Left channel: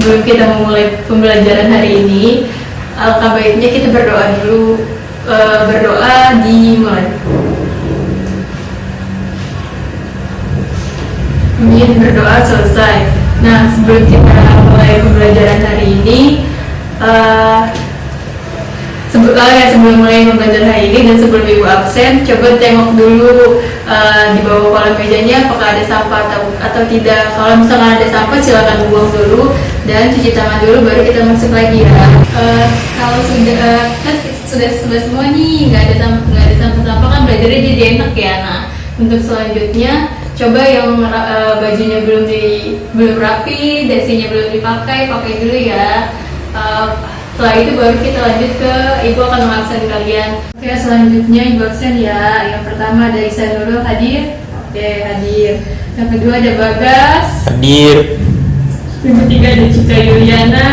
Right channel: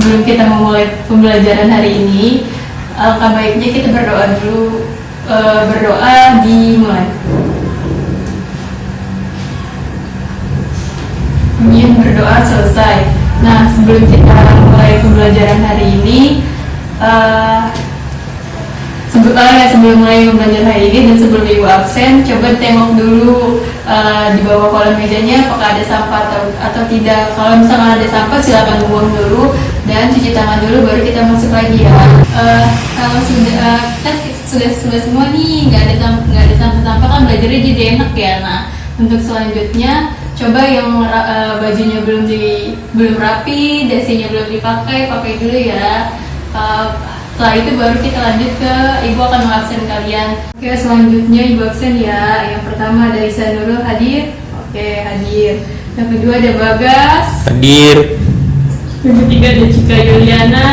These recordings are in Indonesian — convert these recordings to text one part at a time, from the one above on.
sebelum kita memulai pembelajaran hari ini, alangkah baiknya kita berdoa dulu. Berdoa dimulai. Ingin berdoa selesai. Nah, sebelum kita mulai pembelajaran hari ini, sebelum mulai pembelajaran hari ini dan sebelum ibu absen, coba tengok dulu di bawah kolom mejanya apakah ada sampah atau tidak. Kalau misalkan ada sampah, silakan buang dulu dan cuci tangan dulu, baru kita masuk lagi ya. Kalau sudah semua nih, nggak ada sampah kan belajarnya jadi enak ya. Nah, untuk selanjutnya coba yang bajunya belum rapi, dasinya belum pakai dulu ya. Setelah itu baru kita lanjut ke ibu akan mengabsen kalian. Oke, selanjutnya ibu absen ya. Yang pertama ada Isa Nurul, hadir. Oke, hadir. Yang kedua ada Bagas, hadir. Yang ketiga ada Cika Yuliana,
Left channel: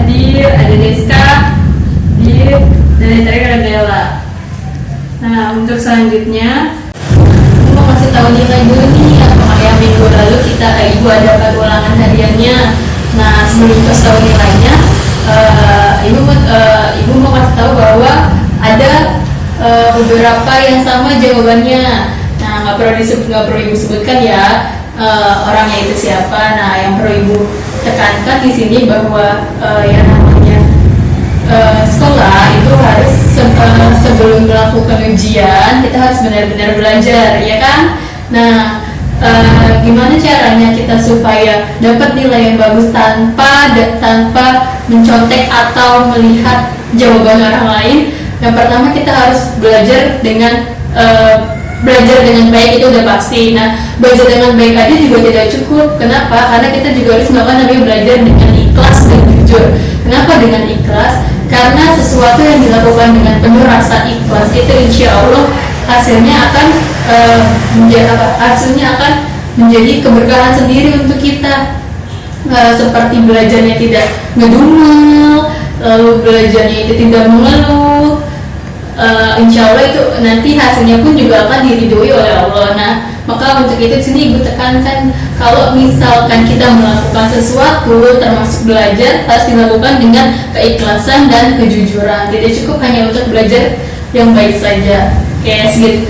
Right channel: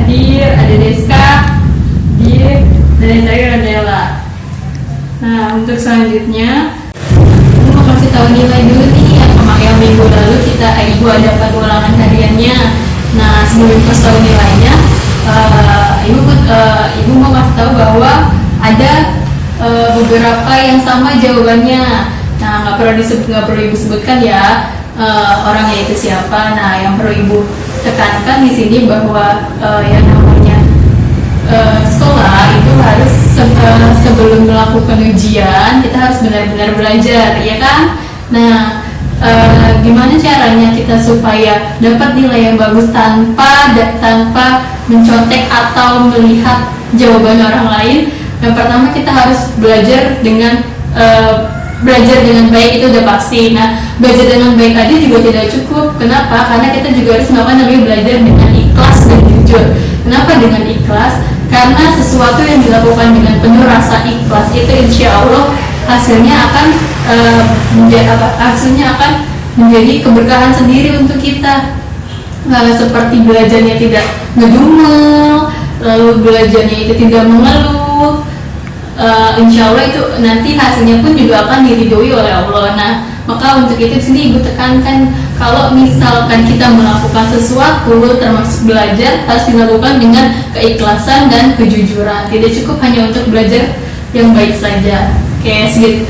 hadir. Ada Deska, hadir. Dan yang terakhir ada Bella. Nah, untuk selanjutnya aku mau kasih tahu nilai dulu nih. Yang minggu lalu ibu ada ulangan hariannya. Nah, sebelum kasih tahu nilainya, ibu mau kasih tahu bahwa ada beberapa yang sama jawabannya. Nah, nggak perlu ibu sebutkan ya orangnya itu siapa. Nah, yang perlu ibu tekankan di sini bahwa yang namanya sekolah itu harus sebelum melakukan ujian kita harus benar-benar belajar, ya kan? Nah, gimana caranya kita supaya dapat nilai yang bagus tanpa mencontek atau melihat jawaban orang lain? Yang pertama kita harus belajar dengan baik, itu udah pasti. Nah, belajar dengan baik aja juga tidak cukup. Kenapa? Karena kita juga harus namanya belajar dengan ikhlas dan jujur. Kenapa dengan ikhlas? Karena sesuatu yang dilakukan dengan penuh rasa ikhlas itu insya Allah hasilnya akan menjadi keberkahan sendiri untuk kita. Seperti belajarnya tidak ngedumel, lalu belajarnya itu tidak mengeluh, insya Allah itu nanti hasilnya pun juga akan diridhoi oleh Allah. Nah, maka untuk itu sini ibu tekankan kalau misalkan kita melakukan sesuatu termasuk belajar harus dilakukan dengan keikhlasan dan kejujuran. Tidak cukup hanya untuk belajar yang baik saja. Kayak segitu.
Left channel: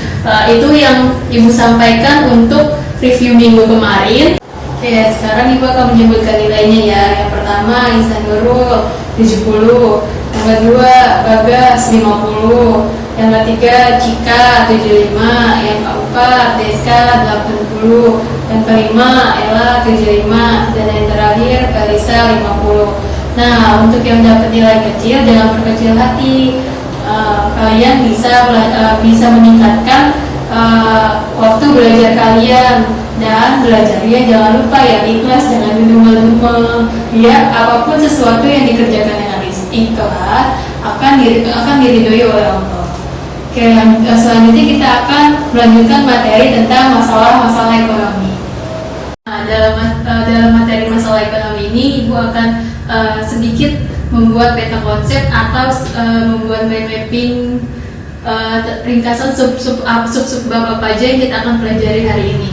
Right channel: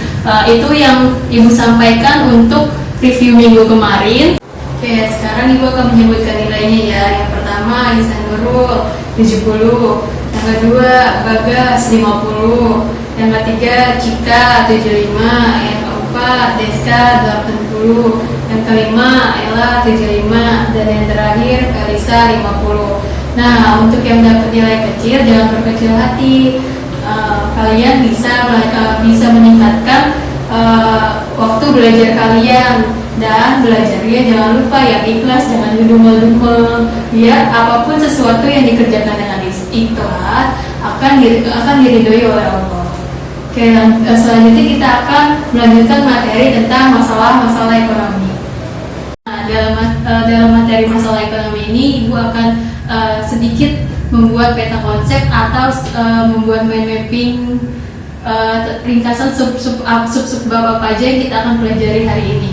Itu yang ibu sampaikan untuk review minggu kemarin. Oke, sekarang ibu akan menyebutkan nilainya ya. Yang pertama Ihsan Nurul 70, yang kedua Bagas 50, yang ketiga Cika 75, yang keempat Deska 80, yang kelima Ella 75, dan yang terakhir Kalisa 50. Nah, untuk yang dapat nilai kecil jangan berkecil hati. Kalian bisa meningkatkan waktu belajar kalian, dan belajarnya jangan lupa ya ikhlas, jangan ngedumel-dumel. Biar apapun sesuatu yang dikerjakan dengan ikhlas akan diridhoi oleh Allah. Oke, selanjutnya kita akan melanjutkan materi tentang masalah ekonomi. Nah, dalam materi masalah ekonomi ini ibu akan sedikit membuat peta konsep atau membuat mind mapping ringkasan sub bab apa aja yang kita akan pelajari hari ini.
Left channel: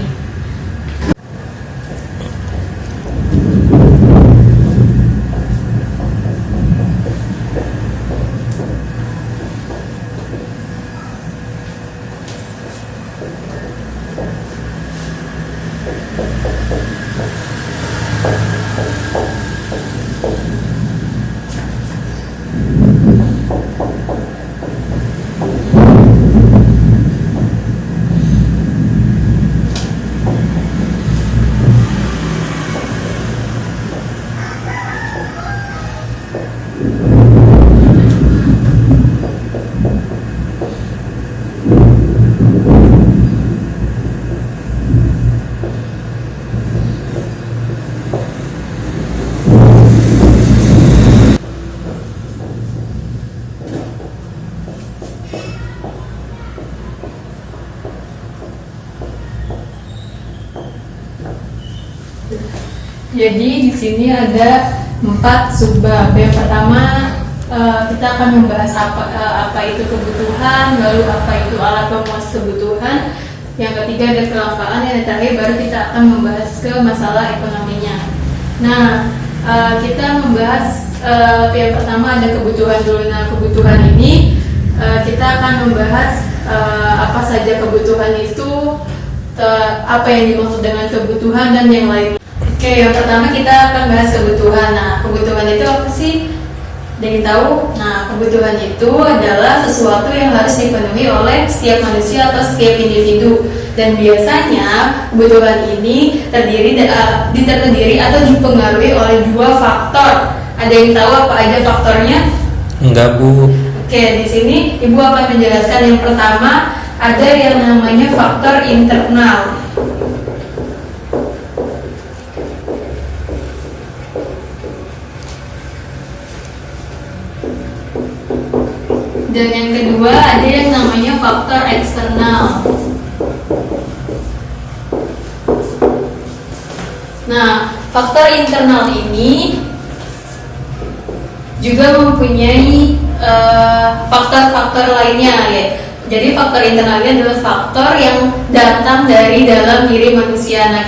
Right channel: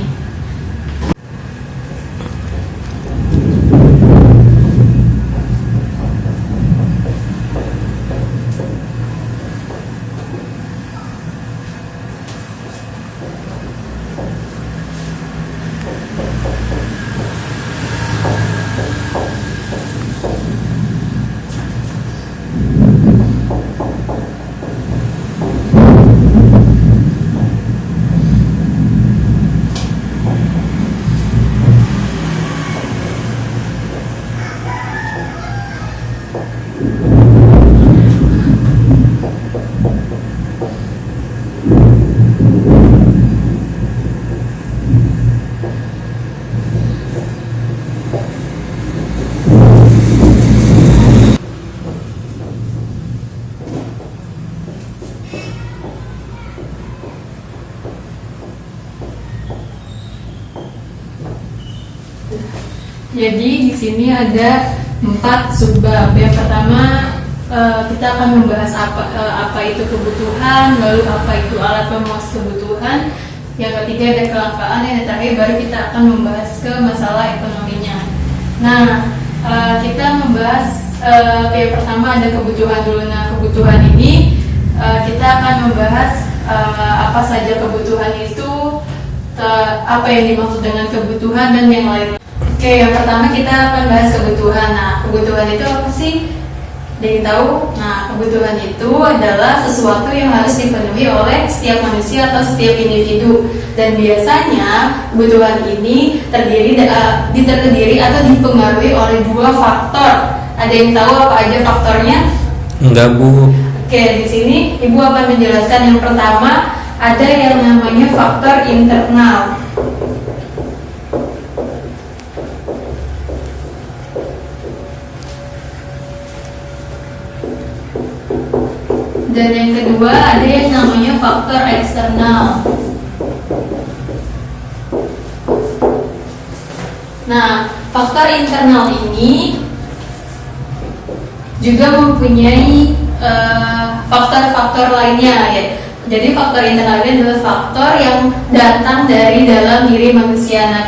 Jadi di sini ada 4 subbab. Yang pertama kita akan membahas apa itu kebutuhan, lalu apa itu alat pemuas kebutuhan. Yang ketiga ada kelangkaan, yang terakhir baru kita akan membahas ke masalah ekonominya. Nah, kita membahas yang pertama ada kebutuhan dulu. Nah, kebutuhan ini kita akan membahas apa saja kebutuhan itu, apa yang dimaksud dengan kebutuhan dan yang lainnya. Oke, yang pertama kita akan bahas kebutuhan. Nah, kebutuhan itu apa sih? Dari tahu? Nah, kebutuhan itu adalah sesuatu yang harus dipenuhi oleh setiap manusia atau setiap individu. Dan biasanya kebutuhan ini terdiri atau dipengaruhi oleh dua faktor. Ada yang tahu apa aja faktornya? Enggak, Bu. Oke, di sini Ibu akan menjelaskan. Yang pertama ada yang namanya faktor internal. Dan yang kedua ada yang namanya faktor eksternal. Nah, faktor internal ini juga mempunyai faktor-faktor lainnya ya. Jadi faktor internal ini adalah faktor yang datang dari dalam diri manusia. Nah,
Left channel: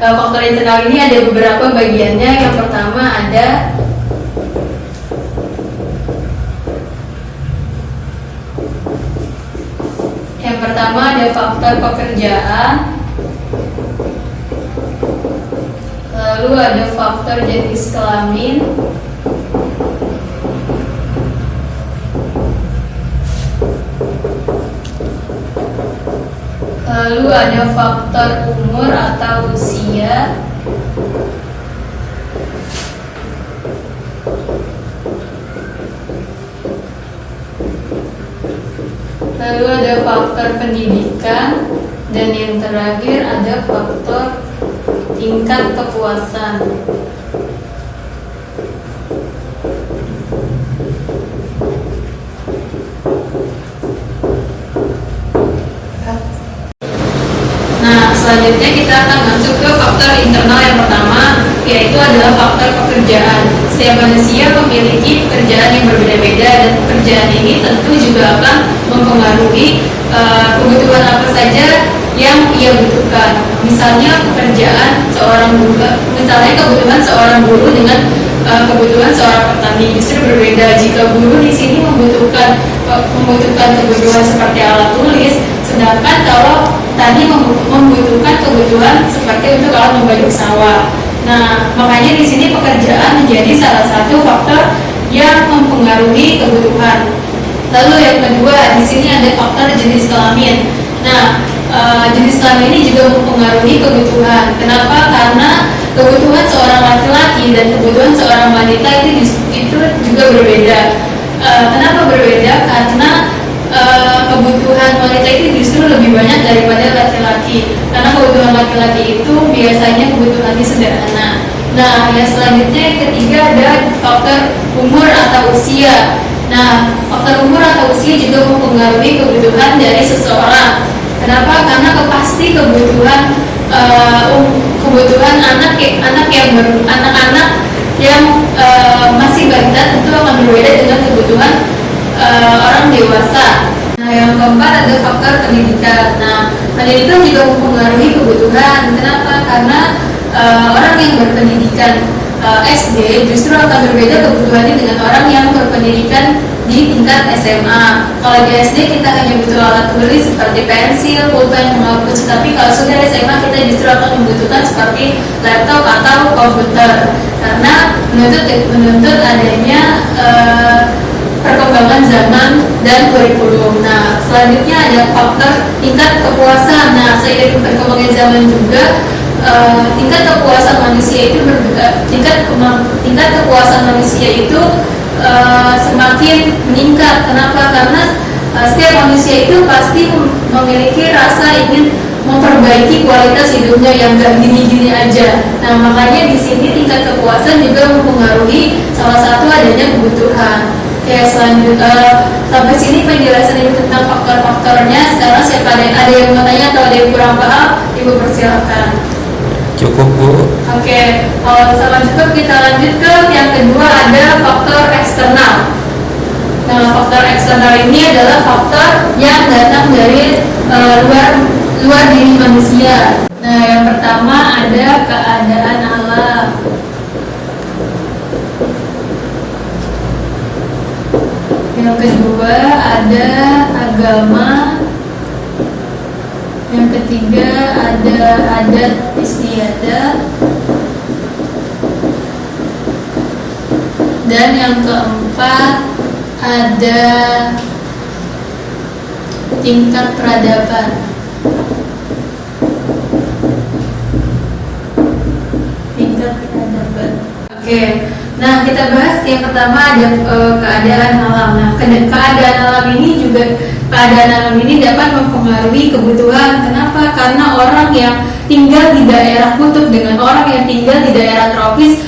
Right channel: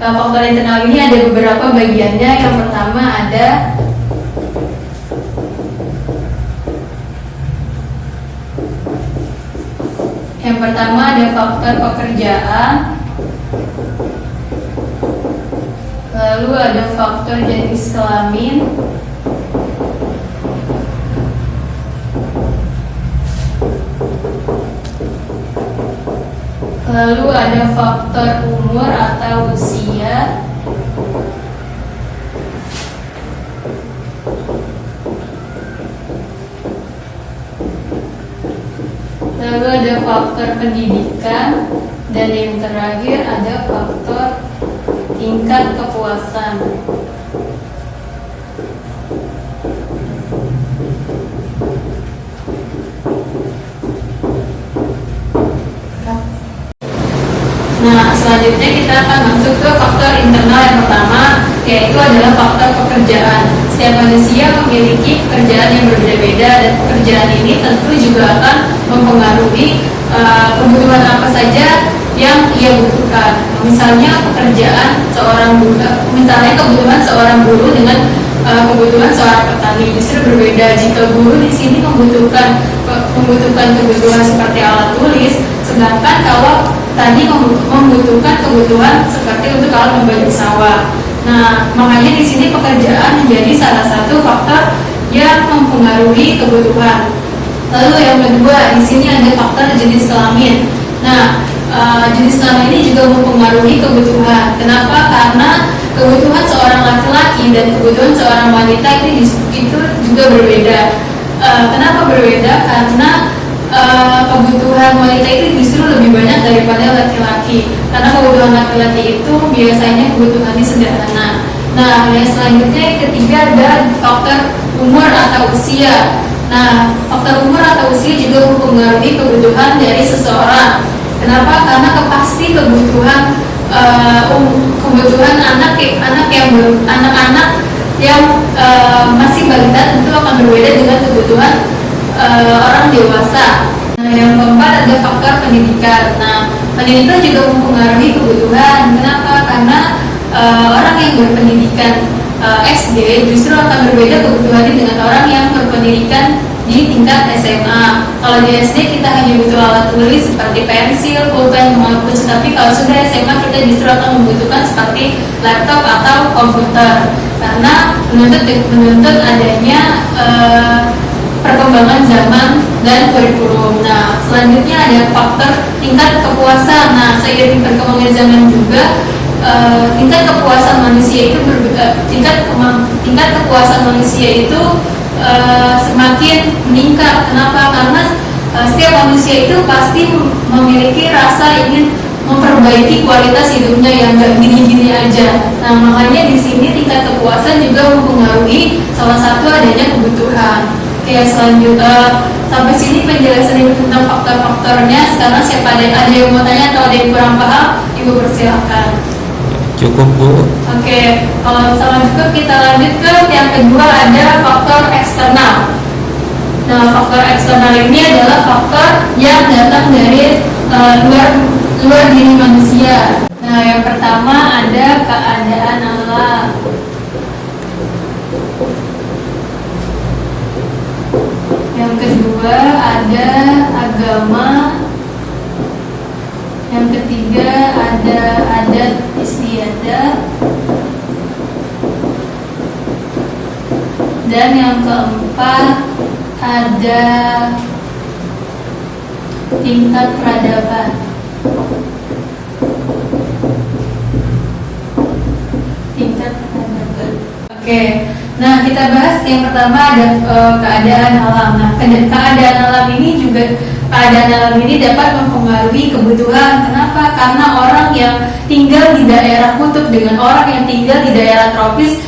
faktor internal ini ada beberapa bagiannya. Yang pertama ada faktor pekerjaan, lalu ada faktor jenis kelamin, lalu ada faktor umur atau usia, lalu ada faktor pendidikan, dan yang terakhir ada faktor tingkat kepuasan. Nah, selanjutnya kita akan masuk ke faktor internal yang pertama, yaitu adalah faktor pekerjaan. Setiap manusia memiliki pekerjaan yang berbeda-beda, dan pekerjaan ini tentu juga akan mempengaruhi kebutuhan apa saja yang ia butuhkan. Misalnya kebutuhan seorang guru dengan kebutuhan seorang petani justru berbeda. Jika guru di sini membutuhkan kebutuhan seperti alat tulis, sedangkan kalau tadi membutuhkan kebutuhan seperti untuk alat membajak sawah. Nah, makanya di sini pekerjaan menjadi salah satu faktor yang mempengaruhi kebutuhan. Lalu yang kedua, di sini ada faktor jenis kelamin. Nah, jenis kelamin ini juga mempengaruhi kebutuhan. Kenapa? Karena kebutuhan seorang laki-laki dan kebutuhan seorang wanita itu juga berbeda. Kenapa berbeda? Karena kebutuhan wanita itu justru lebih banyak daripada laki-laki. Karena kebutuhan laki-laki itu biasanya kebutuhannya sederhana. Nah, yang selanjutnya yang ketiga ada faktor umur atau usia. Nah, faktor umur atau usia juga mempengaruhi kebutuhan dari seseorang. Kenapa? Karena pasti kebutuhan anak-anak yang masih balita tentu akan berbeda dengan kebutuhan orang dewasa. Nah, yang keempat ada faktor pendidikan. Nah, pendidikan juga mempengaruhi kebutuhan. Kenapa? Karena orang yang berpendidikan SD justru akan berbeda kebutuhannya dengan orang yang berpendidikan di tingkat SMA. Kalau di SD kita hanya butuh alat tulis seperti pensil, pulpen, menghapus. Tapi kalau sudah SMA kita justru akan membutuhkan seperti laptop atau komputer, karena menuntut adanya perkembangan zaman dan kurikulum. Nah, selanjutnya ada faktor tingkat kepuasan. Nah, seiring perkembangan zaman juga tingkat kepuasan manusia itu semakin meningkat. Kenapa? Karena setiap manusia itu pasti memiliki rasa ingin memperbaiki kualitas hidupnya yang gak gini-gini aja. Nah, makanya di sini tingkat kepuasan juga mempengaruhi salah satu adanya kebutuhan. Oke, selanjutnya sampai sini penjelasan Ibu tentang faktor-faktornya. Sekarang siapa ada yang mau tanya atau ada yang kurang paham, Ibu persilakan. Cukup, Bu. Oke, selanjutnya kita lanjut ke yang kedua, ada faktor eksternal. Nah, faktor eksternal ini adalah faktor yang datang dari luar diri manusia. Nah, yang pertama ada keadaan alam. kedua ada agama. Yang ketiga ada adat istiadat. Dan yang keempat ada tingkat peradaban. Tingkat peradaban. Oke. Nah, kita bahas yang pertama ada keadaan alam. Nah, keadaan alam ini dapat mempengaruhi kebutuhan. Kenapa? Karena orang yang tinggal di daerah kutub dengan orang yang tinggal di daerah tropis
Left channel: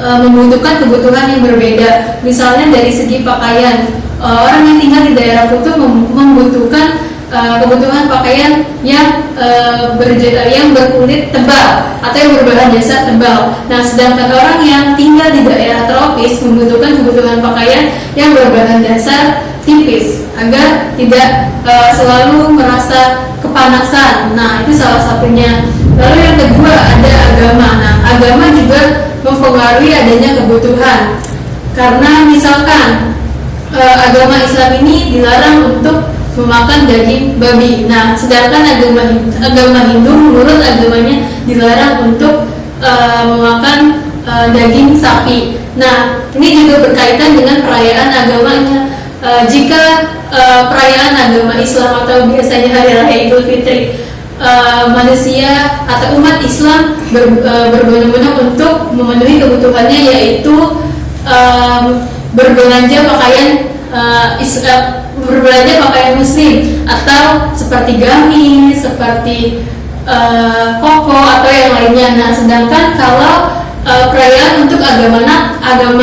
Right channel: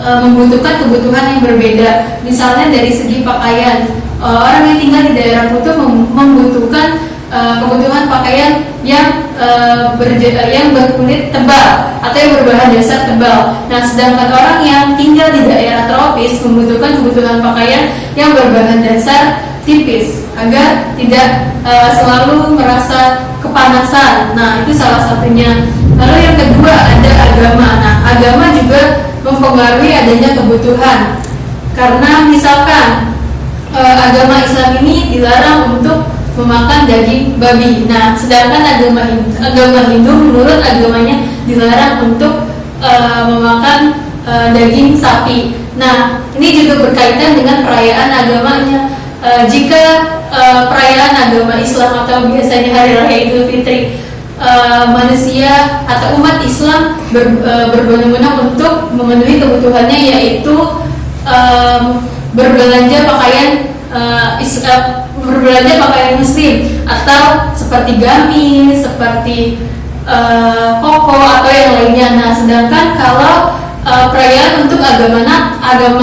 membutuhkan kebutuhan yang berbeda. Misalnya dari segi pakaian, orang yang tinggal di daerah kutub membutuhkan kebutuhan pakaian yang berkulit tebal atau yang berbahan dasar tebal. Nah, sedangkan orang yang tinggal di daerah tropis membutuhkan kebutuhan pakaian yang berbahan dasar tipis agar tidak selalu merasa kepanasan. Nah, itu salah satunya. Lalu yang kedua ada agama. Nah, agama juga mempengaruhi adanya kebutuhan. Karena misalkan agama Islam ini dilarang untuk memakan daging babi. Nah, sedangkan agama Hindu menurut agamanya dilarang untuk memakan daging sapi. Nah, ini juga berkaitan dengan perayaan agamanya. Jika perayaan agama Islam atau biasanya Hari Raya Idul Fitri, manusia atau umat Islam berbondong-bondong untuk memenuhi kebutuhannya, yaitu berbelanja pakaian muslim atau seperti gamis, seperti koko atau yang lainnya. Nah, sedangkan kalau perayaan untuk agama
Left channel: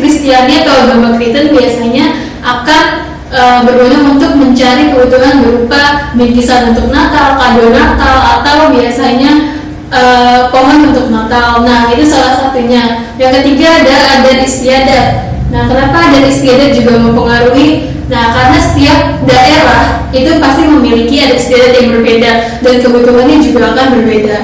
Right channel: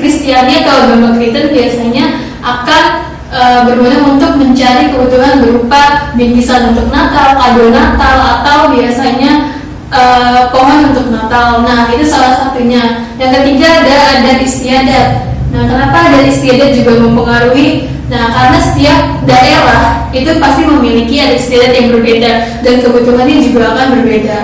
Kristiani atau agama Kristen biasanya akan berbondong untuk mencari kebutuhan berupa bingkisan untuk Natal, kado Natal, atau biasanya pohon untuk Natal. Nah, itu salah satunya. Yang ketiga ada adat istiadat. Nah, kenapa adat istiadat juga mempengaruhi? Nah, karena setiap daerah itu pasti memiliki adat istiadat yang berbeda dan kebutuhannya juga akan berbeda.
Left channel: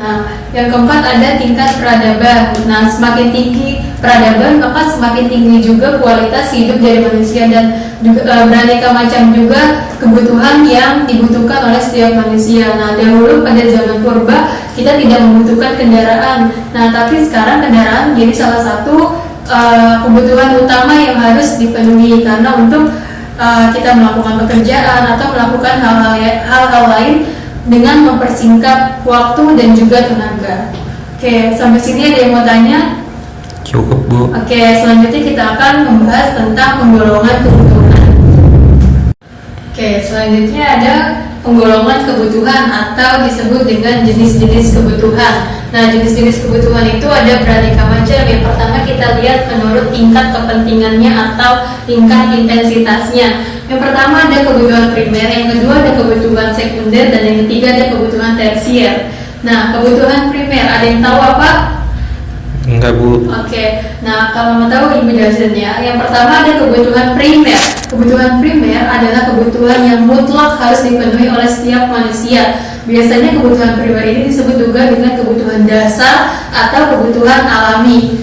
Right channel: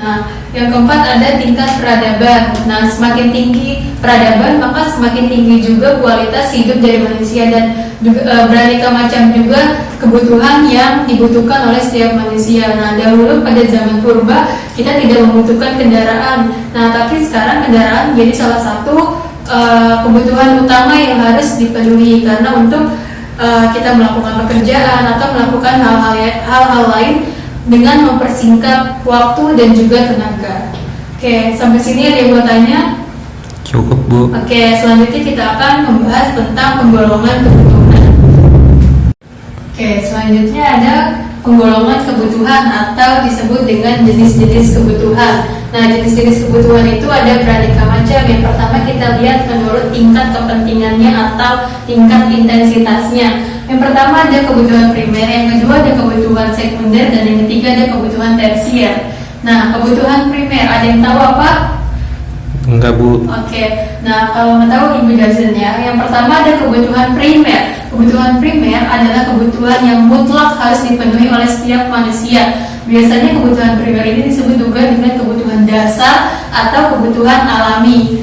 Nah, yang keempat ada tingkat peradaban. Nah, semakin tinggi peradaban maka semakin tinggi juga kualitas hidup dari manusia dan juga beraneka macam juga kebutuhan yang dibutuhkan oleh setiap manusia. Nah, dahulu pada zaman purba kita tidak membutuhkan kendaraan. Nah, tapi sekarang kendaraan menjadi salah satu kebutuhan utama yang harus dipenuhi karena untuk kita melakukan pekerjaan atau melakukan hal-hal lain dengan mempersingkat waktu dan juga tenaga. Oke, sampai sini ada yang mau tanya? Cukup, Bu. Oke, selanjutnya kita akan membahas tentang penggolongan kebutuhan. Oke, selanjutnya ada penggolongan kebutuhan atau disebut dengan jenis-jenis kebutuhan. Nah, jenis-jenis kebutuhan itu ada beraneka macam. Yang pertama kita lihat menurut tingkat kepentingannya atau tingkat intensitasnya. Yang pertama ada kebutuhan primer, yang kedua ada kebutuhan sekunder, dan yang ketiga ada kebutuhan tersier. Nah, kebutuhan primer, ada yang tahu apa? Enggak, Bu. Oke, nah kalau mau tahu Ibu jelasin ya. Yang pertama ada kebutuhan primer. Kebutuhan primer adalah kebutuhan yang mutlak harus dipenuhi oleh setiap manusia. Biasanya kebutuhan primer ini disebut juga dengan kebutuhan dasar atau kebutuhan alami.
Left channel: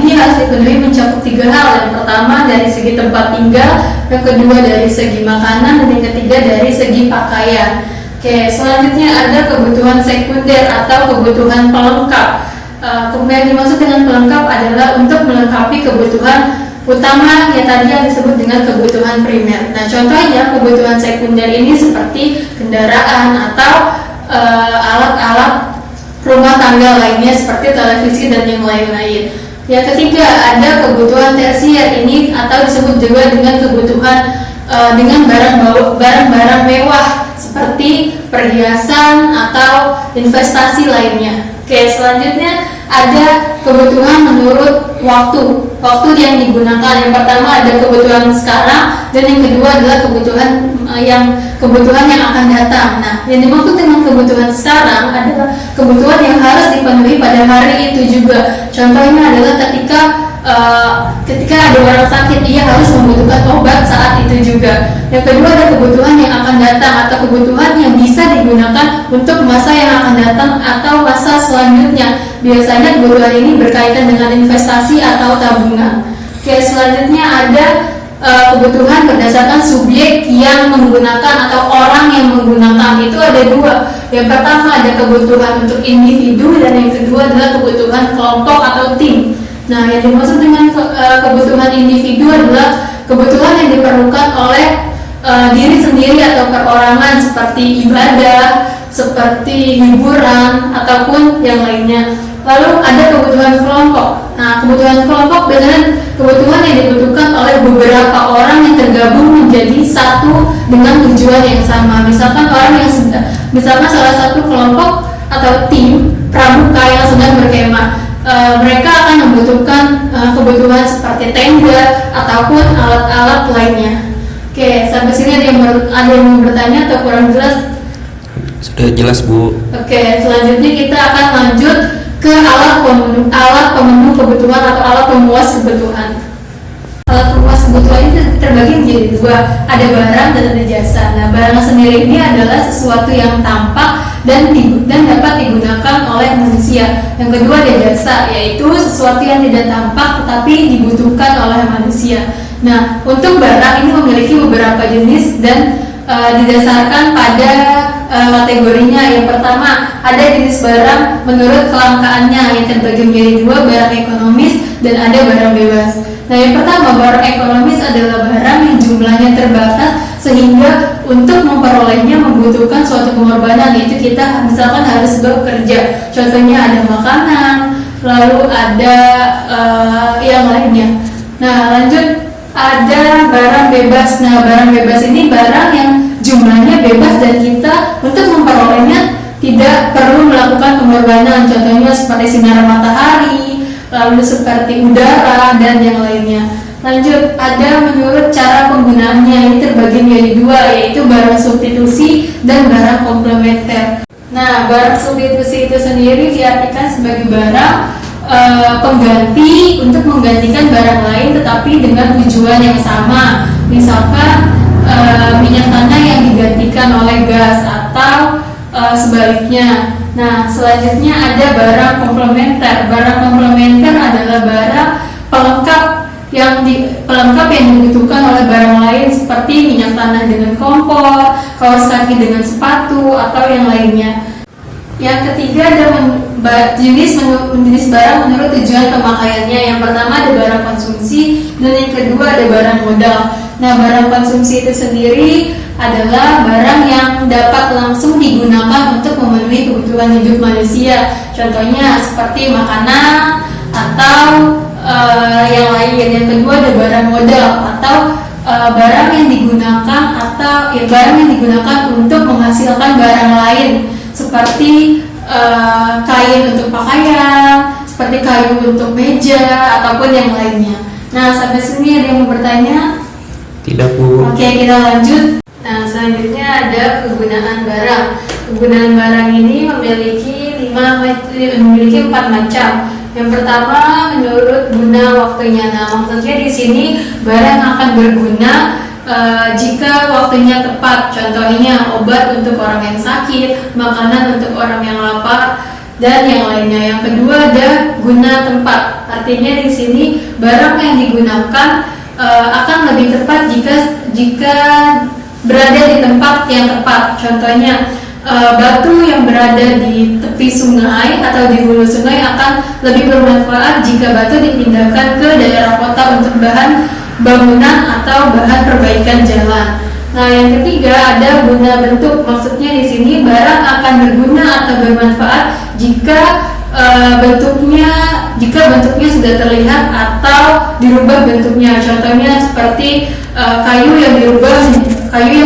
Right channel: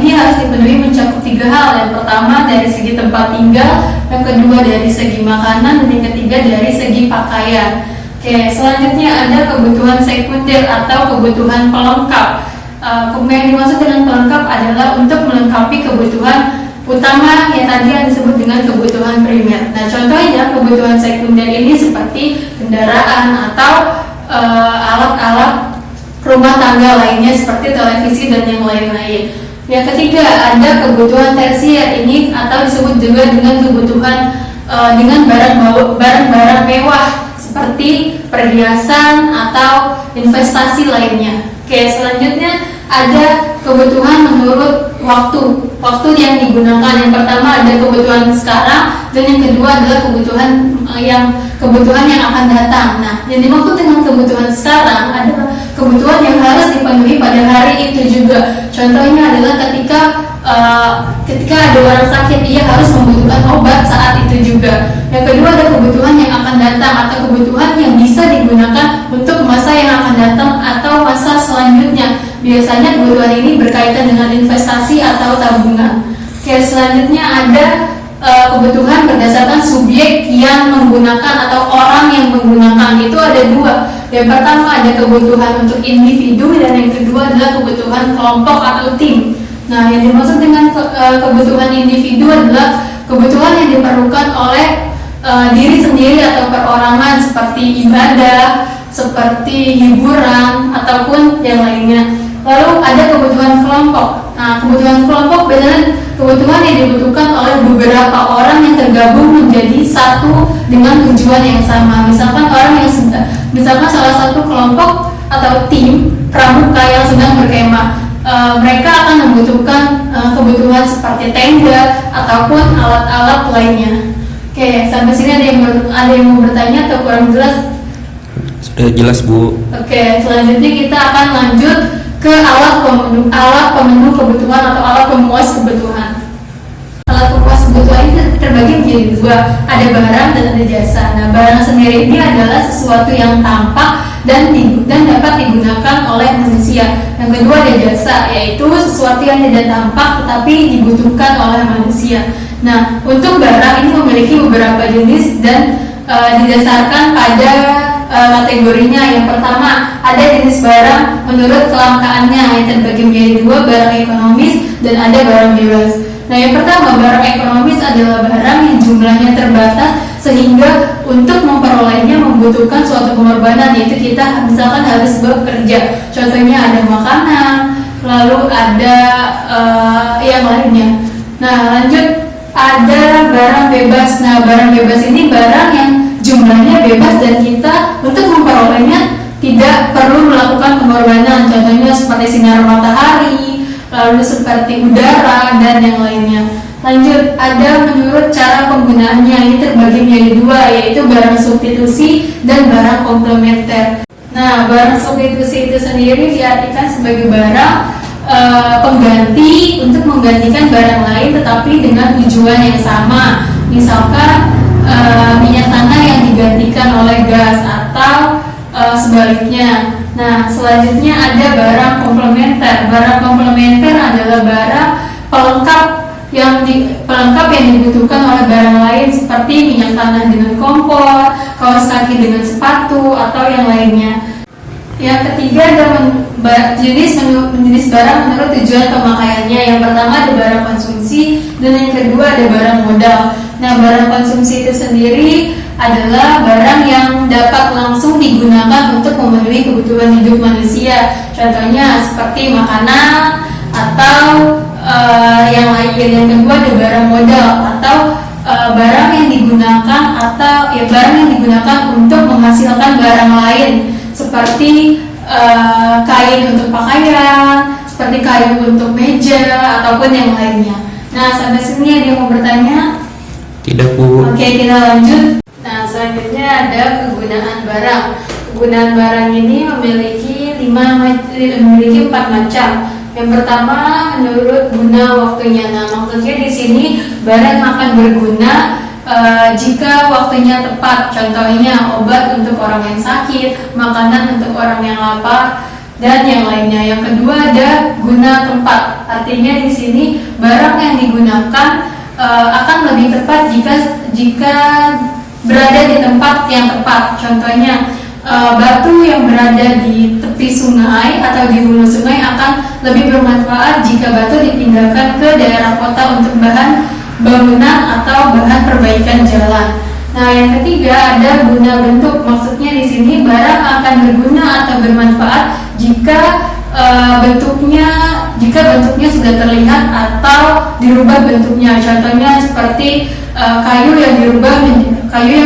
Ini harus dipenuhi mencakup 3 hal. Yang pertama dari segi tempat tinggal, yang kedua dari segi makanan, dan yang ketiga dari segi pakaian. Oke, selanjutnya ada kebutuhan sekunder atau kebutuhan pelengkap. Yang dimaksud dengan pelengkap adalah untuk melengkapi kebutuhan utama yang tadi yang disebut dengan kebutuhan primer. Nah, contohnya kebutuhan sekunder ini seperti kendaraan atau alat-alat rumah tangga lainnya seperti televisi dan yang lain-lain. Yang ketiga ada kebutuhan tersier ini atau disebut juga dengan kebutuhan dengan barang-barang mewah seperti perhiasan atau investasi lainnya. Oke, selanjutnya ada kebutuhan menurut waktu yang digunakan. Yang pertama ada kebutuhan sekarang, dan yang kedua adalah kebutuhan yang akan datang. Nah, yang dimaksud dengan kebutuhan sekarang adalah kebutuhan yang harus dipenuhi pada hari itu juga. Contohnya adalah ketika ada orang sakit, ia harus membutuhkan obat saat itu juga. Yang kedua ada kebutuhan yang akan datang atau kebutuhan yang bisa digunakan untuk masa yang akan datang atau masa selanjutnya. Biasanya kebutuhan ini berkaitan dengan investasi atau tabungan. Oke, selanjutnya ada kebutuhan berdasarkan subjek yang menggunakan atau orang yang menggunakan. Itu ada dua. Yang pertama ada kebutuhan untuk individu, dan yang kedua adalah kebutuhan kelompok atau tim. Nah, yang dimaksud dengan kebutuhan individu adalah kebutuhan yang diperlukan oleh diri sendiri atau perorangan, seperti ibadah, seperti hiburan, ataupun yang lainnya. Lalu ada kebutuhan kelompok. Nah, kebutuhan kelompok biasanya kebutuhan yang dibutuhkan oleh beberapa orang yang tergabung menjadi satu dengan tujuan yang sama. Misalkan misalkan salah satu kelompok atau tim pramuka yang sedang berkemah, mereka akan membutuhkan kebutuhan seperti tenda ataupun alat-alat lainnya. Oke, sampai sini ada yang mau bertanya atau kurang jelas? Sudah jelas, Bu. Oke, selanjutnya kita akan lanjut ke alat pemenuh kebutuhan atau alat pemuas kebutuhan. Alat pemuas kebutuhan ini terbagi menjadi dua, ada barang dan ada jasa. Nah, barang sendiri ini adalah sesuatu yang tampak dan dapat digunakan oleh manusia. Yang kedua ada jasa, yaitu sesuatu yang tidak tampak tetapi dibutuhkan oleh manusia. Nah, untuk barang ini memiliki beberapa jenis dan didasarkan pada kategorinya. Yang pertama, ada jenis barang menurut kelangkaannya yang terbagi menjadi dua, barang ekonomis dan ada barang bebas. Nah, yang pertama, barang ekonomis adalah barang yang jumlahnya terbatas sehingga untuk memperolehnya membutuhkan suatu pengorbanan, yaitu kita misalkan harus bekerja. Contohnya ada makanan, lalu ada yang lainnya. Nah, lanjut, ada barang bebas. Nah, barang bebas ini barang yang jumlahnya bebas dan kita untuk memperolehnya tidak perlu melakukan pengorbanan. Contohnya seperti sinar matahari, lalu seperti udara dan yang lainnya. Lanjut, ada menurut cara penggunaannya, ini terbagi menjadi dua, yaitu barang substitusi dan barang komplementer. Nah, barang substitusi itu sendiri diartikan sebagai barang pengganti untuk menggantikan barang lain tetapi dengan tujuan yang sama. Misalkan minyak tanah yang digantikan oleh gas atau sebaliknya. Nah, selanjutnya ada barang komplementer. Barang komplementer adalah barang pelengkap yang dibutuhkan oleh barang lain, seperti minyak tanah dengan kompor, kaos kaki dengan sepatu, atau yang lainnya. Yang ketiga ada jenis barang menurut tujuan pemakaiannya. Yang pertama ada barang konsumsi dan yang kedua ada barang modal. Nah, barang konsumsi itu sendiri adalah barang yang dapat langsung digunakan untuk memenuhi kebutuhan hidup manusia. Contohnya seperti makanan atau yang lain. Yang kedua ada barang modal atau barang yang digunakan untuk menghasilkan barang lain, seperti kain untuk pakaian, seperti kayu untuk meja ataupun yang lainnya. Nah, sampai sini ada yang mau bertanya? Tidak, Bu. Oke, kita lanjut. Nah, selanjutnya ada kegunaan barang. Kegunaan barang ini memiliki 4 macam. Yang pertama, menurut guna waktunya. Nah, maksudnya di sini barang akan berguna jika waktunya tepat. Contohnya obat untuk orang yang sakit, makanan untuk orang yang lapar, dan yang lainnya. Yang kedua ada guna tempat. Artinya di sini barang yang digunakan akan lebih tepat jika berada di tempat yang tepat. Contohnya batu yang berada di tepi sungai atau di hulu sungai akan lebih bermanfaat jika batu dipindahkan ke daerah kota untuk bahan bangunan atau bahan perbaikan jalan. Nah, yang ketiga ada guna bentuk. Maksudnya di sini barang akan berguna atau bermanfaat jika bentuknya sudah terlihat atau dirubah bentuknya. Contohnya seperti kayu yang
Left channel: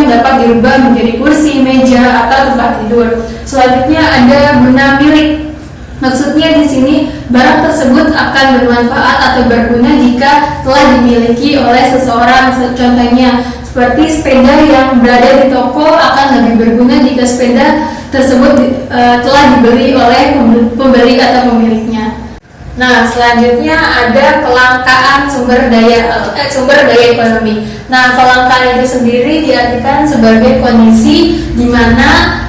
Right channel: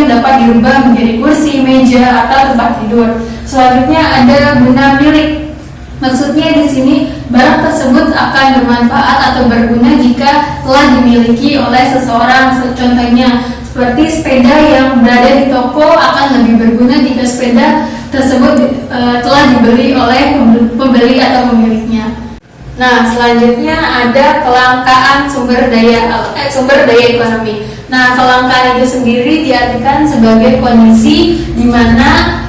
dapat dirubah menjadi kursi, meja, atau tempat tidur. Selanjutnya ada guna milik. Maksudnya di sini barang tersebut akan bermanfaat atau berguna jika telah dimiliki oleh seseorang. Contohnya seperti sepeda yang berada di toko akan lebih berguna jika sepeda tersebut telah dibeli oleh pembeli atau pemiliknya. Nah, selanjutnya ada kelangkaan sumber daya ekonomi. Nah, kelangkaan itu sendiri diartikan sebagai kondisi di mana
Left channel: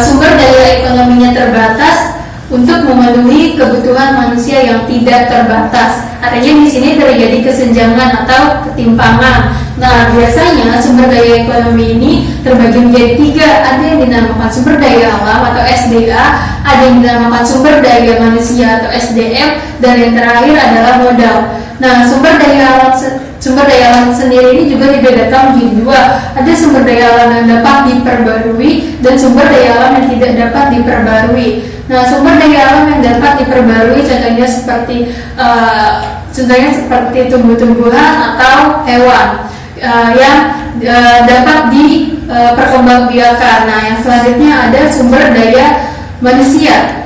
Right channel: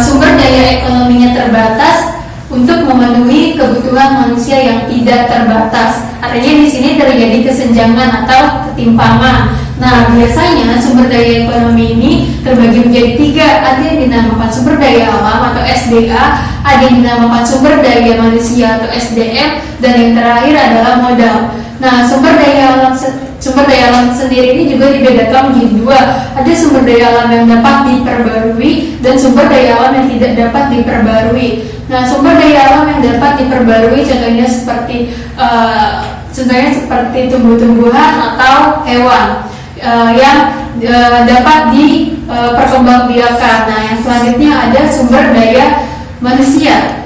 sumber daya ekonominya terbatas untuk memenuhi kebutuhan manusia yang tidak terbatas. Artinya di sini terjadi kesenjangan atau ketimpangan. Nah, biasanya sumber daya ekonomi ini terbagi menjadi tiga. Ada yang dinamakan sumber daya alam atau SDA, ada yang dinamakan sumber daya manusia atau SDM, dan yang terakhir adalah modal. Nah, sumber daya alam sendiri ini juga dibedakan menjadi dua. Ada sumber daya alam yang dapat diperbarui dan sumber daya alam yang tidak dapat diperbarui. Nah, sumber daya alam yang dapat diperbarui contohnya seperti tumbuh-tumbuhan atau hewan yang dapat diperkembangbiakan. Nah, yang selanjutnya ada sumber daya manusia.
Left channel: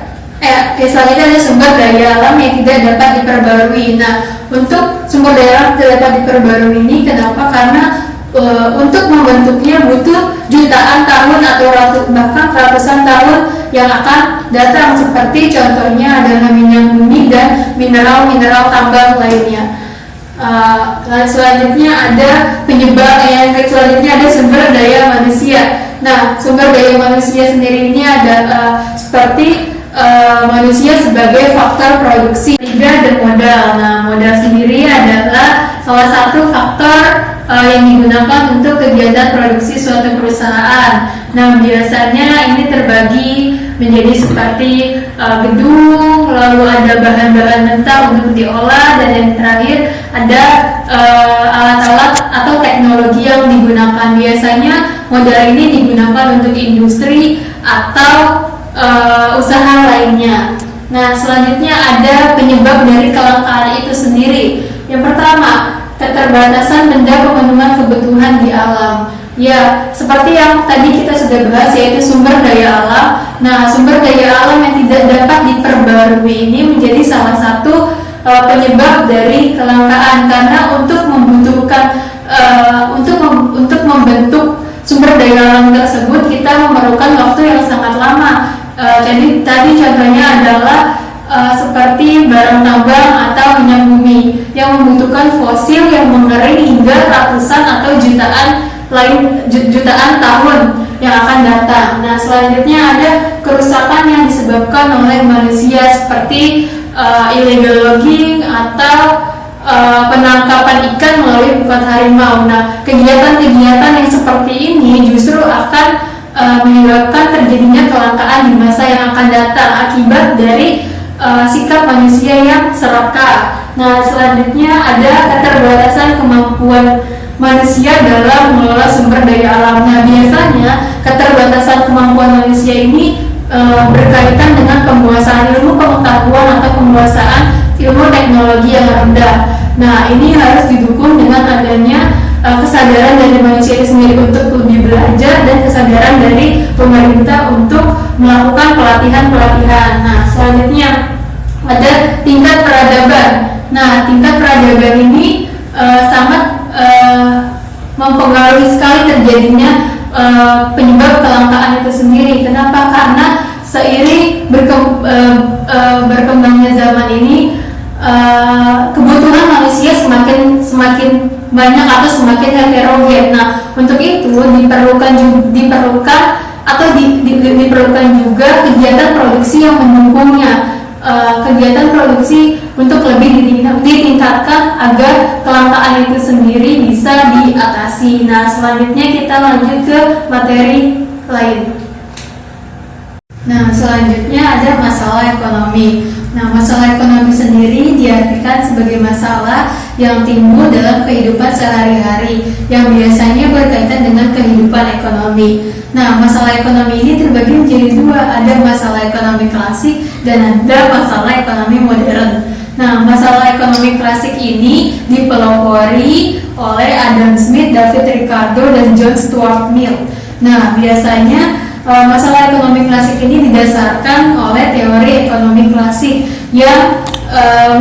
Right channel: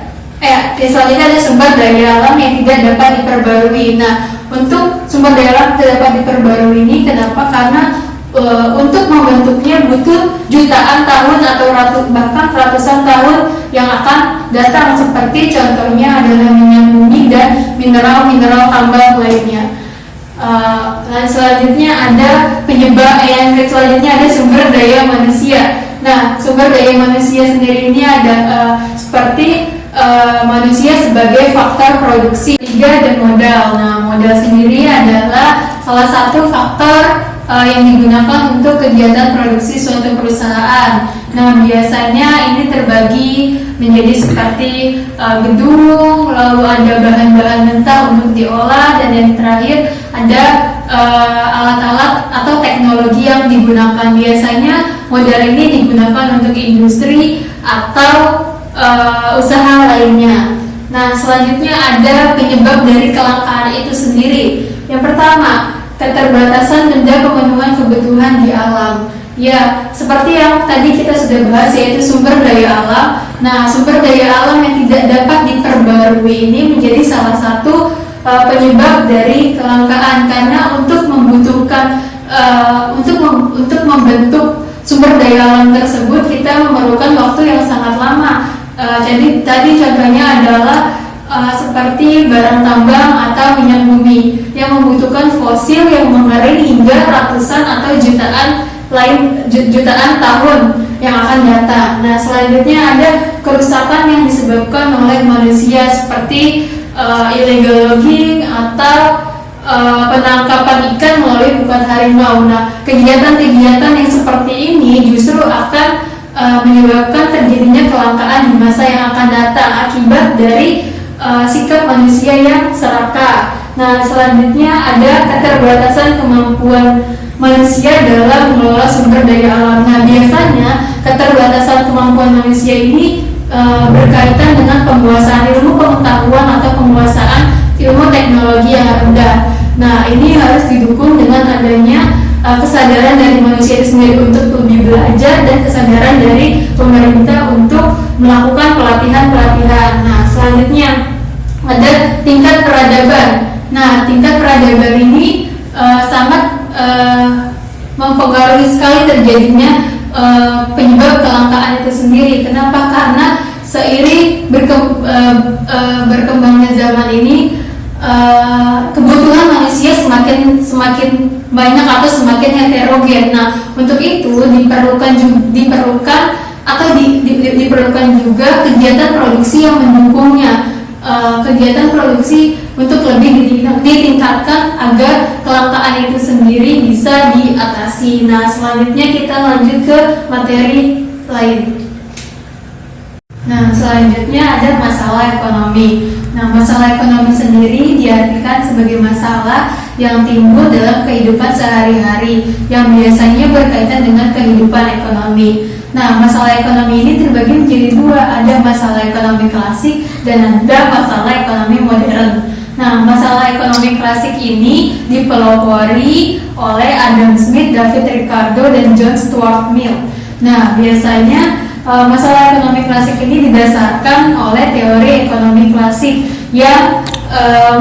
Selanjutnya ada sumber daya alam yang tidak dapat diperbarui. Nah, untuk sumber daya alam tidak dapat diperbarui ini kenapa? Karena untuk membentuknya butuh jutaan tahun atau bahkan ratusan tahun yang akan datang, seperti contohnya adalah minyak bumi dan mineral-mineral tambang lainnya. Selanjutnya ada selanjutnya ada sumber daya manusia. Nah, sumber daya manusia sendiri ini ada seperti manusia sebagai faktor produksi. Tiga, ada modal. Nah, modal sendiri adalah salah satu faktor yang digunakan untuk kegiatan produksi suatu perusahaan. Nah, biasanya ini terbagi menjadi seperti gedung, lalu ada bahan-bahan mentah untuk diolah, dan yang terakhir ada alat-alat atau teknologi yang digunakan. Biasanya modal ini digunakan untuk industri atau usaha lainnya. Nah, selanjutnya ada penyebab dari kelangkaan itu sendiri. Yang pertama, keterbatasan benda pemenuhan kebutuhan di alam. Ya, seperti yang tadi kita sudah bahas, yaitu sumber daya alam. Nah, sumber daya alam yang tidak dapat diperbarui ini menjadi salah satu penyebab dari kelangkaan, karena untuk membentuk sumber daya alam tersebut kita memerlukan waktu yang sangat lama. Jadi tadi contohnya adalah seperti barang tambang atau minyak bumi yang membutuhkan fosil yang mengering hingga ratusan atau jutaan tahun yang akan datang. Nah, selanjutnya ada kerusakan yang disebabkan oleh manusia seperti illegal logging atau penangkapan ikan melalui bukan harimau. Nah, kegiatan-kegiatan yang seperti ini justru akan menyebabkan terjadinya kelangkaan di masa yang akan datang akibat dari sikap manusia yang serakah. Nah, selanjutnya ada keterbatasan kemampuan manusia dalam mengelola sumber daya alam. Nah, biasanya keterbatasan kemampuan manusia ini berkaitan dengan penguasaan ilmu pengetahuan atau penguasaan ilmu teknologi yang rendah. Nah, ini harus didukung dengan adanya kesadaran dari manusia itu sendiri untuk lebih belajar dan kesadaran dari pemerintah untuk melakukan pelatihan-pelatihan. Nah, selanjutnya ada tingkat peradaban. Nah, tingkat peradaban ini sangat mempengaruhi sekali terjadinya penyebab kelangkaan itu sendiri. Kenapa? Karena seiring berkembangnya zaman ini kebutuhan manusia semakin banyak atau semakin heterogen. Nah, untuk itu diperlukan juga kegiatan produksi yang mendukungnya. Kegiatan produksi untuk lebih ditingkatkan agar kelangkaan itu sendiri bisa diatasi. Nah, selanjutnya kita lanjut ke materi lain. Nah, selanjutnya ada masalah ekonomi. Nah, masalah ekonomi sendiri diartikan sebagai masalah yang timbul dalam kehidupan sehari-hari yang biasanya berkaitan dengan kehidupan ekonomi. Nah, masalah ekonomi ini terbagi menjadi dua, ada masalah ekonomi klasik dan ada masalah ekonomi modern. Nah, masalah ekonomi klasik ini dipelopori oleh Adam Smith, David Ricardo, dan John Stuart Mill. Nah, biasanya masalah ekonomi klasik ini didasarkan oleh teori ekonomi klasik yang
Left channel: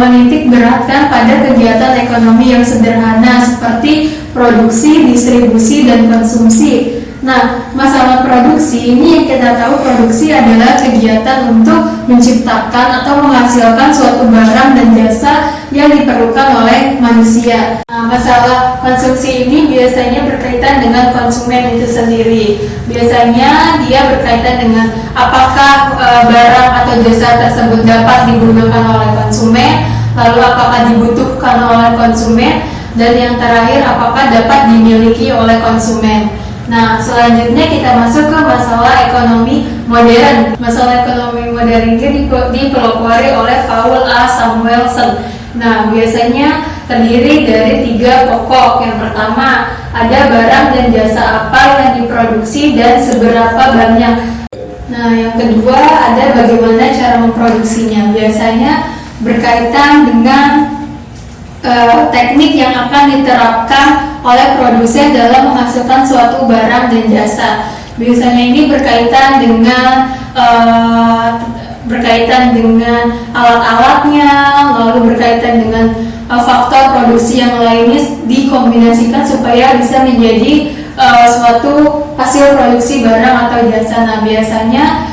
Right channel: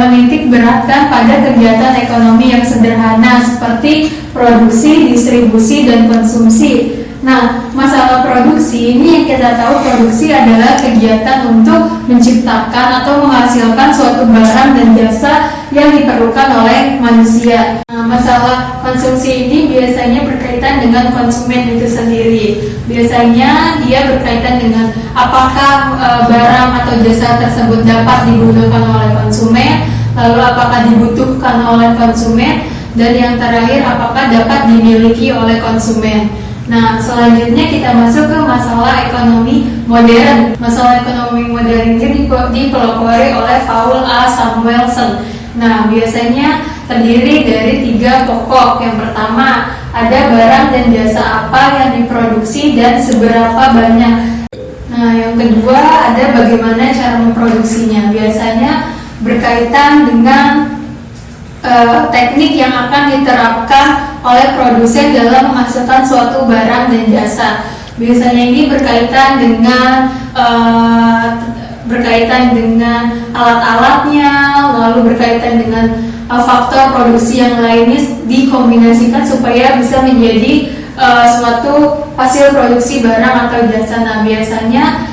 menitik beratkan pada kegiatan ekonomi yang sederhana seperti produksi, distribusi, dan konsumsi. Nah, masalah produksi ini yang kita tahu, produksi adalah kegiatan untuk menciptakan atau menghasilkan suatu barang dan jasa yang diperlukan oleh manusia. Nah, masalah konsumsi ini biasanya berkaitan dengan konsumen itu sendiri. Biasanya dia berkaitan dengan apakah barang atau jasa tersebut dapat digunakan oleh konsumen, lalu apakah dibutuhkan oleh konsumen, Dan yang terakhir, apakah dapat dimiliki oleh konsumen. Nah, selanjutnya kita masuk ke masalah ekonomi modern. Masalah ekonomi modern ini dipelopori oleh Paul A. Samuelson. Nah, biasanya terdiri dari 3 pokok. Yang pertama, ada barang dan jasa apa yang diproduksi dan seberapa banyak. Nah, yang kedua, ada bagaimana cara memproduksinya. Biasanya berkaitan dengan teknik yang akan diterapkan oleh produsen dalam menghasilkan suatu barang dan jasa. Biasanya ini berkaitan dengan alat-alatnya, lalu berkaitan dengan faktor produksi yang lainnya dikombinasikan supaya bisa menjadi suatu hasil produksi barang atau jasa. Nah, biasanya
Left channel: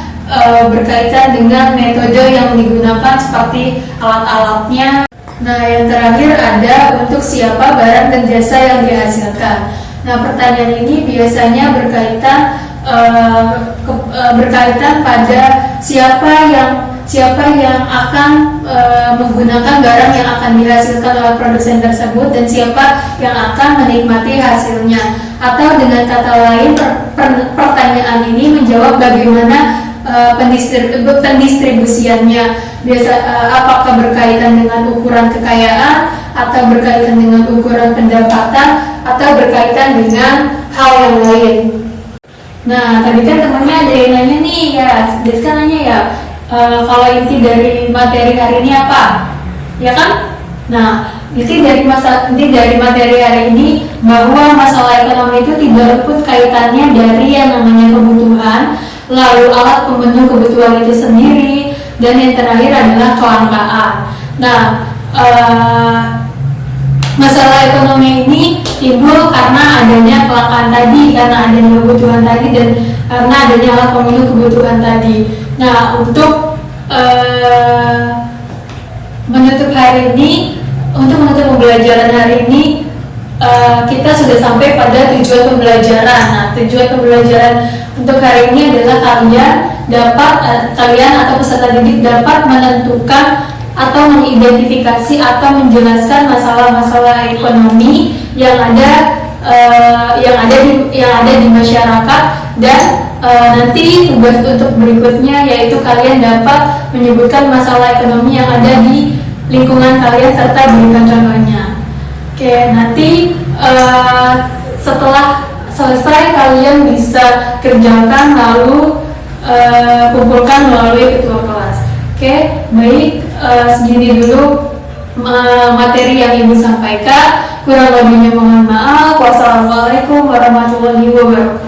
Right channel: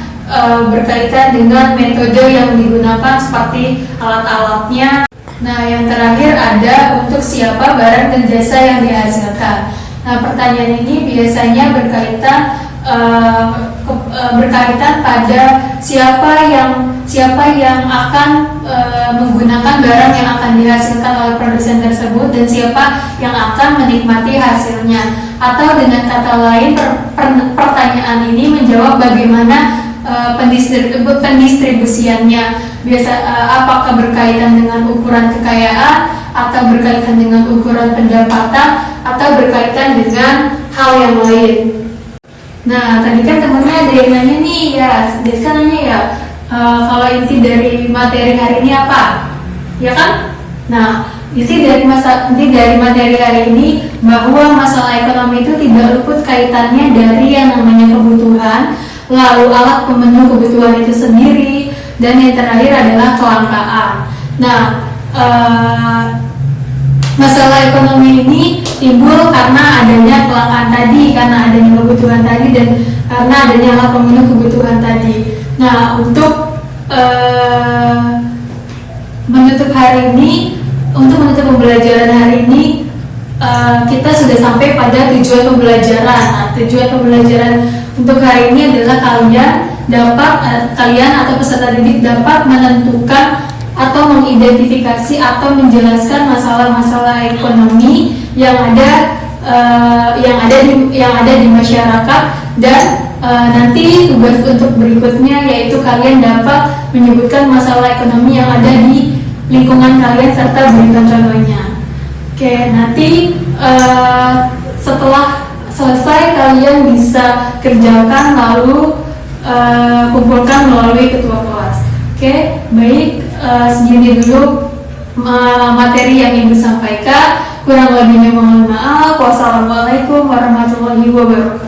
berkaitan dengan metode yang digunakan seperti alat-alatnya. Nah, yang terakhir ada untuk siapa barang dan jasa yang dihasilkan. Nah, pertanyaan ini biasanya berkaitan pada siapa yang akan menggunakan barang yang akan dihasilkan oleh produsen tersebut dan siapa yang akan menikmati hasilnya. Atau dengan kata lain, pertanyaan ini menjawab bagaimana pendistribusiannya. Apakah berkaitan dengan ukuran kekayaan, atau berkaitan dengan ukuran pendapatan, atau berkaitan dengan hal yang lain. Nah, tadi kan temannya ada yang nanya nih ya, Deska nanya ya, kalau inti dari materi hari ini apa? Ya kan? Nah, inti dari materi hari ini bahwa masalah ekonomi itu tidak luput kaitannya dari yang namanya kebutuhan, lalu alat pemenuh kebutuhan itu sendiri, dan yang terakhir adalah kelangkaan. Nah, masalah ekonomi ini timbul karena adanya kelangkaan tadi, karena adanya kebutuhan tadi, dan karena adanya alat pemenuh kebutuhan tadi. Nah, untuk menutup pembelajaran hari ini, kita sudah sampai pada tujuan pembelajaran. Nah, tujuan pembelajaran untuk hari ini adalah kalian atau peserta didik dapat menentukan atau mengidentifikasi atau menjelaskan masalah-masalah ekonomi yang ada di masyarakat, dan nanti tugas untuk berikutnya yaitu kalian dapat menyebutkan masalah ekonomi yang ada di lingkungan kalian serta berikan contohnya. Oke, nanti setelah selesai kalian bisa kerjakan lalu kumpulkan melalui ketua kelas. Oke, baik, segini dulu materi yang Ibu sampaikan. Kurang lebihnya mohon maaf. Wassalamualaikum warahmatullahi wabarakatuh.